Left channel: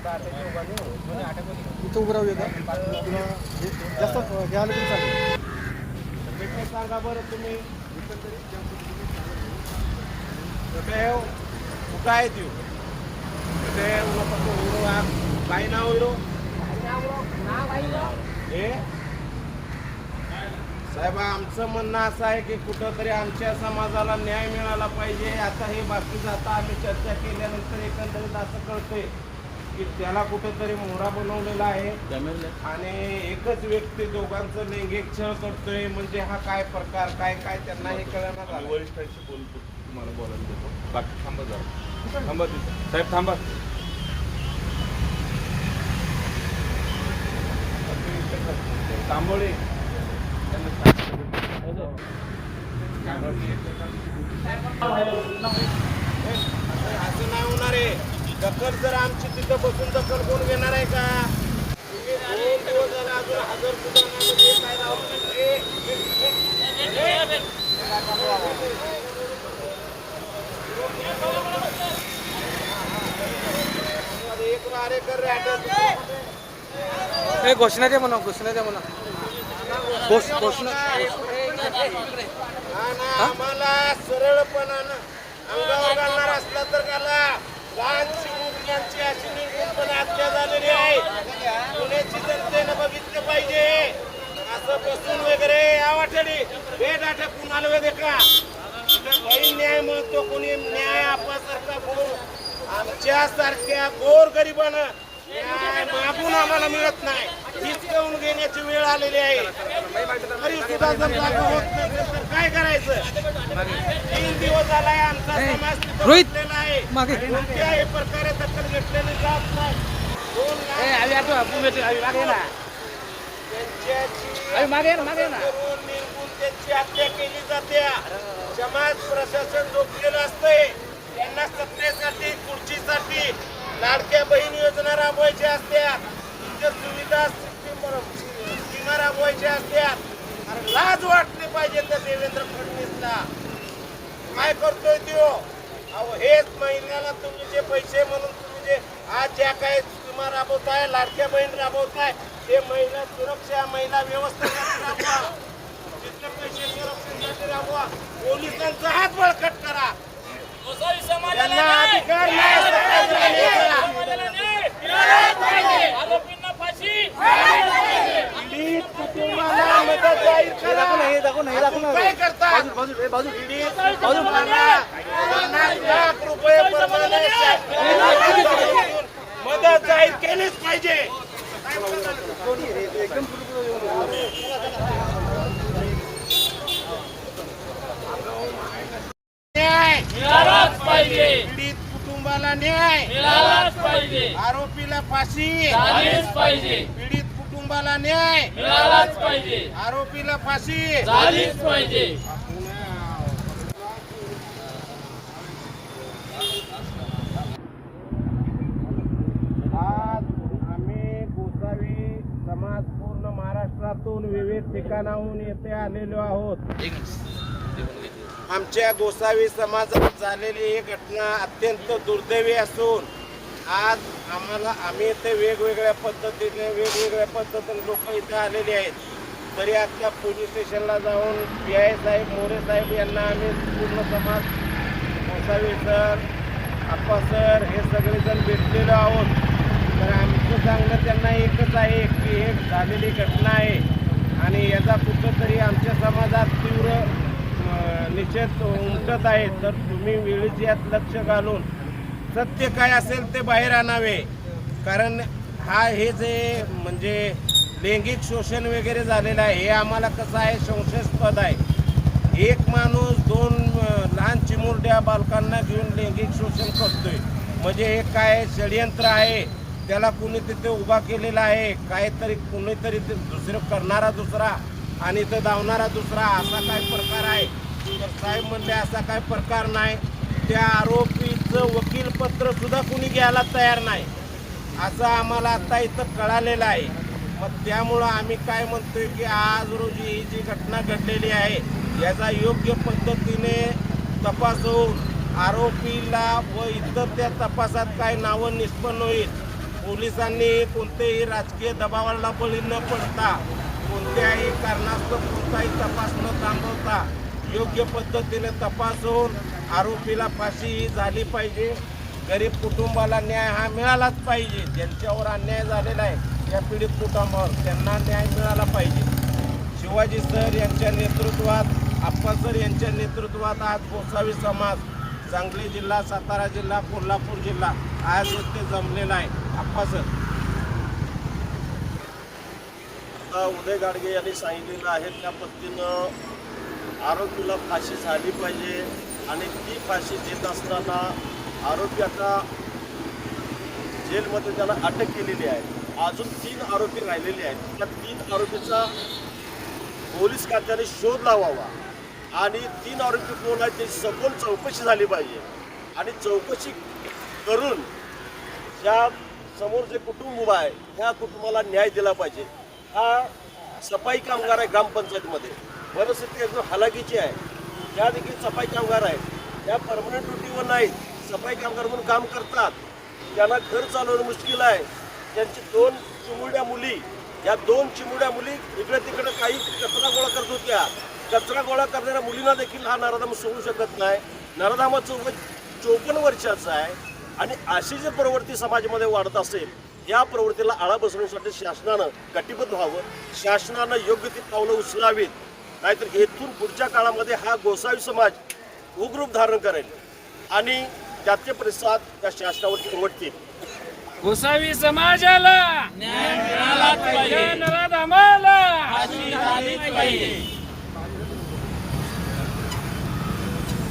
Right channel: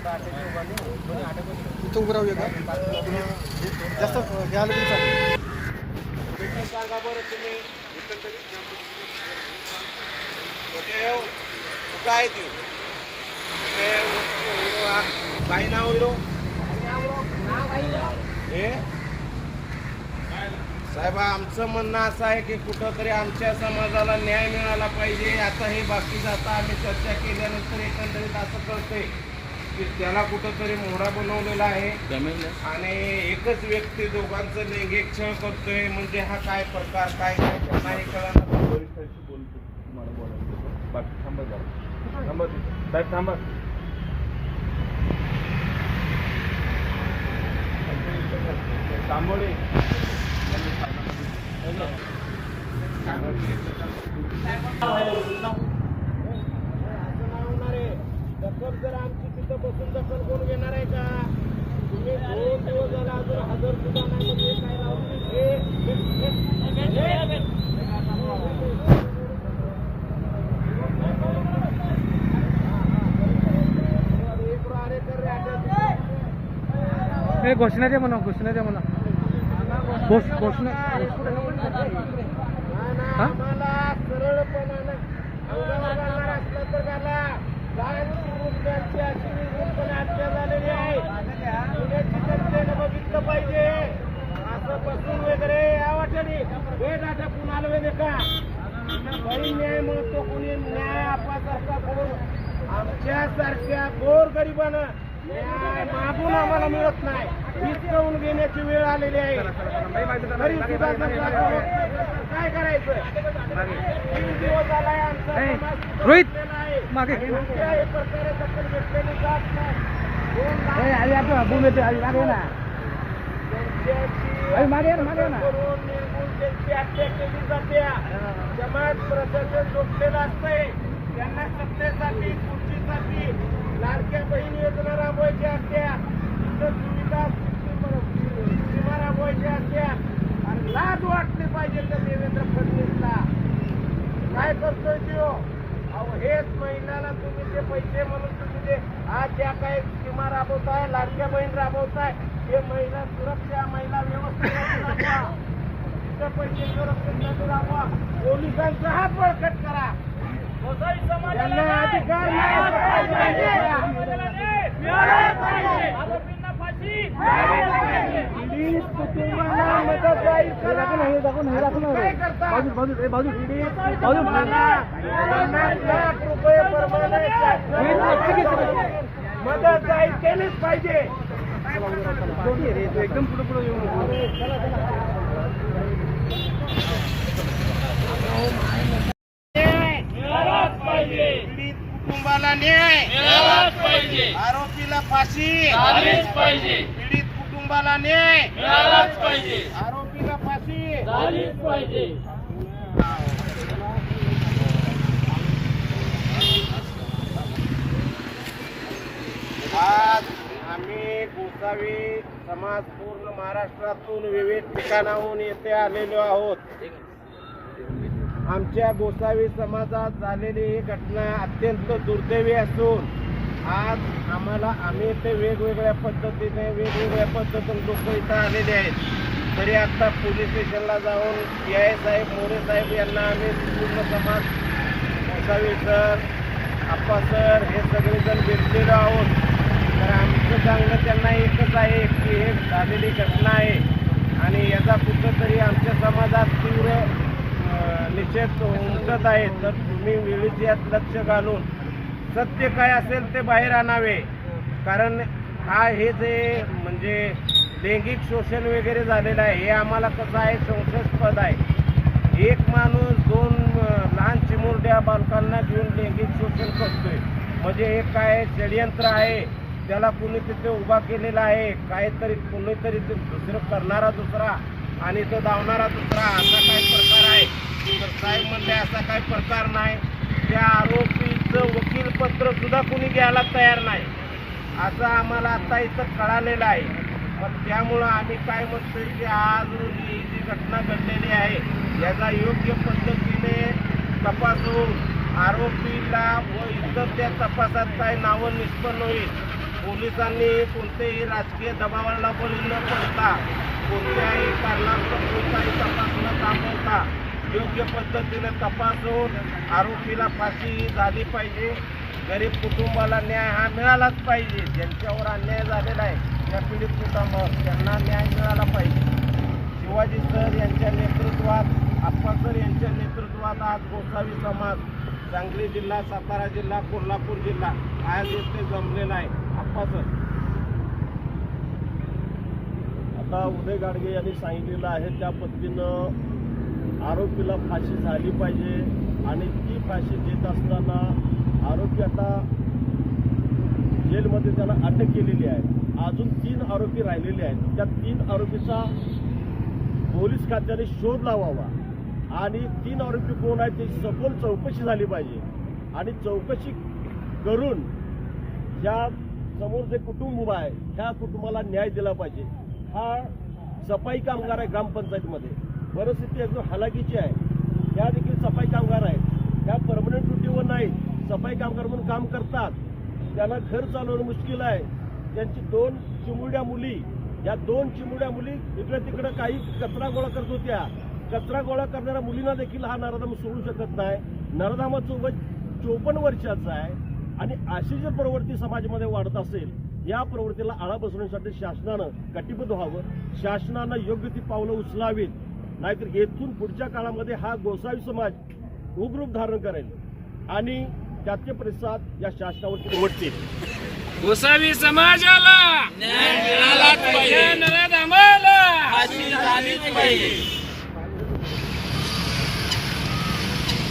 दाखव इथं उभं राहूया का जास्त घ्यायला तरी चालेल सांगा बरं तुम्ही कुठे हो? कुठं आहे ती कुठे काही नाव हिरो हे साहेब आमचं म्हणणं असं आहे की कुठंतरी आमच्या समाजाला न्याय मिळाला पाहिजे. आता हे बाकीचं आता आम्ही चर्चा केल्यानंतर एकंदरीत असं कळतंय की त्याला कुठंतरी मोहरा बनवलेला आहे. आणि एकच व्यक्ती दोघांचं लैंगिक छळ करतोय. म्हणजे हा काय प्रकार काय काय त्यांना हे कळणार वरिष्ठांशी बोलतो तुम्हाला बोलायला देतो. बाकी थांबा जरा. थांबा तिथं. साहेब थांबा. तांबोळे. असं नाही होणार आहे दखल जर आमची तिथं बसून दखल कोण घेणार आहे का? तुम्ही दोन दिवस झाले अजून हजर सुद्धा नाही. काय लावलं कर रे घोषणा दे म्हणा घोषणा दे म्हणा. घोष घोषणा आम्हाला झालेली आहे. बघितलं पाहिजे. असं बसून वगैरे आवाठली बेडाठ्या कुणाला वगैरे का काही न्याय म्हणतो कोणी न्याय आपल्यासारखा गोर आमच्या सारख्या गोर गरिबानं मागून आम्हाला मिळत नाही. हिसकावून घेण्याची वेळ आलेली आहे. तरी सुद्धा जर लागू होत नसेल तर काय करायचं? तीन दिवस झालाय आमचा समाज रोहित, आहे. मागे. कोणत्याही प्रकारे दखल घेतलेली जात नाही. दोन लाख त्यांच्याची करून निर्मूल त्यांची हत्या केली जाते समाज प्रशासन झोपलेलं असतंय. त्यांना सत्तेसाठी खुर्चीसाठी लाडक्या बहीण योजना राबवायच्या असत्या सुविधा स्कीमा राबवायच्या असत्या. अरे लाज वाटली पाहिजे त्या देवेंद्र फडणवीसला. काय करतोय तो? अहो हेच महिन्याला तुम्ही जे पैसे म्हणून तुम्ही जे आज ज्या काही स्कीमा राबवताय लाडक्या बहीण राबवताय ते महिला सुरक्षा महिला व्यवस्थेसाठी राबवा. तिथे पैसे सुरक्षेसाठी राबवा पोलिसांचा हात बळकट करा. अधिकार नाही. पीडित कुटुंबाला मदत जाहीर हे दाखव ना हे दाखव ना हे दाखव ना बाजू बाजू बाजू पीडित कुटुंबाला पन्नास लाख रुपये प्रमाणे मदत जाहीर केलीच पाहिजे एकदम पुढे पुढे येऊन न्याय. कुटुंबाला न्याय आरोपीला फाशी. पीडित कुटुंबाला न्याय. आरोपीला फाशी. आज आम्ही गोसावी समाज पूर्ण महाराष्ट्रातून विविध ठिकाणाहून येथे आलेलो आहोत. आमच्या गोसावी समाजात झालेली ही घटना अत्यंत दुर्दैवी असून आज आम्हाला आम्ही इथे वेगवेगळ्या पद्धतीने वेगवेगळ्या पद्धतीने लोक इथं आलेले आहेत. तरी आता पोलीस स्टेशनला जाऊन पी आय साहेब मोरे साहेब यांना आम्ही पूर्ण समाज गोसावी सर आप्पा सर हे सगळेजण भेटलेलो आहोत. तर आमचं सांगणं त्यांना एकच आहे की हे झालेली घटना आहे आणि याचा कुठंतरी आमच्या समाजात तीव्र निषेध उमटत आहे तर तुम्ही वेळीच यात लक्ष घालून सत्य काय असेल ते बाहेर आणावे. कारण हा हे जे म्हणजे लैंगिक शोषण वगैरे झालेलं आहे हे आम्हाला कसं आहे संशयास्पद आहे. एक माणूस दोन लहान चिमुरड्या बालकांना घेऊन लैंगिक शोषण करतोय. म्हणजे हे काय षडयंत्र आहे? त्याला कुणी तिथे उभा केलेला आहे? काहीतरी कुणीतरी ते दुसरं करणारा दुसरा आणि इथं धावणारा दुसरा असा काय प्रकार आहे? तर साहेब म्हणले असा काय प्रकार नाही. त्या आरोपीचं वकीलपत्र सुद्धा कुणी घ्यायला तयार नाही. असं आम्हाला आता इथं कळालेलं आहे. मग त्यामुळं आम्ही काय म्हणतोय की आज रोजी ही जी घटना घडलेली आहे याचा योग्य पद्धतीने तपासून आरोपीला व इतर त्या तपासात काय नावं निष्पन्न होईल. पोलिसांनी कोणतेही राजकीय दबावाला बळी न पडता कोणत्याही कारणास्तव कोणताही तपास न थांबवता योग्य पद्धतीने होऊन आरोपीला फाशी ही झाली पाहिजे. गरीब कुटुंबाला न्याय हा मिळालाच पाहिजे. ज्यांच्यावर अन्याय झालेला आहे त्या पीडित कुटुंबावर त्यांना न्याय मिळाला पाहिजे. शिवाजी सर यांच्या नेतृत्वात आप्पा सर यांच्या नेतृत्वात आज गोसावी समाज सांगली जिल्हा सातारा जिल्हा कोल्हापूर जिल्हा आज येथे जमलेला आहे. आप्पा सर. आता उदय गाडगे यांनी सांगितलेलं आहे त्या पद्धतीनं आरोपीला फाशी झाली पाहिजे आणि ती फाशी देत असताना आरोपी आता जेलमध्ये त्याला अटक केलेली आहे. अजून तीन आरोपी राहिलेले आहेत. त्या तीन आरोपीचा पोलीस खात्याने शोध लावावा. आणि तीन आरोपी कोण आहेत त्याची सखोल चौकशी झाली पाहिजे. आणि चौकशी करून ज्या समोर जे कुटुंब उभं आहे त्या कुटुंबाला न्याय दिला पाहिजे. हा सफाई कामगार आहे ग्रामपंचायतीमध्ये. परिस्थिती एकदम हलाखीची आहे ज्या देखील सफाई कामगार आहेत. त्या परमनंट ड्युटीवर नाहीत. सफाई कामगार म्हणून काम करतात. त्यांना घर चालवणं मुश्किल आहे त्यांची दोन चिमुड्या मुली या दोन चिमुड्या मुली इकडे तिकडे काही कचरा गोळा करत होत्या. कचरा गोळा करणाऱ्या मुलींना देखील हा नराधाम सोडू शकत नाही. नराधामाचं वय चोपन्न वर्षाचं आहे आणि अशी जी प्रवृत्ती समाजामध्ये वाढत असेल या प्रवृत्तीला आळा बसवण्यासाठी शासनानं कटिबद्ध व्हावं. शासनानं योग्य ती पावलं उचलावीत. नाहीतर येथून पुढच्या काळामध्ये हा गोसावी समाज उग्रूप धारण करेल आणि त्याचे प्रतिसाद या शासनावरती उमटतील. गोसावी समाजाला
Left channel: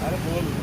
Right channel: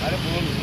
अरे बोल.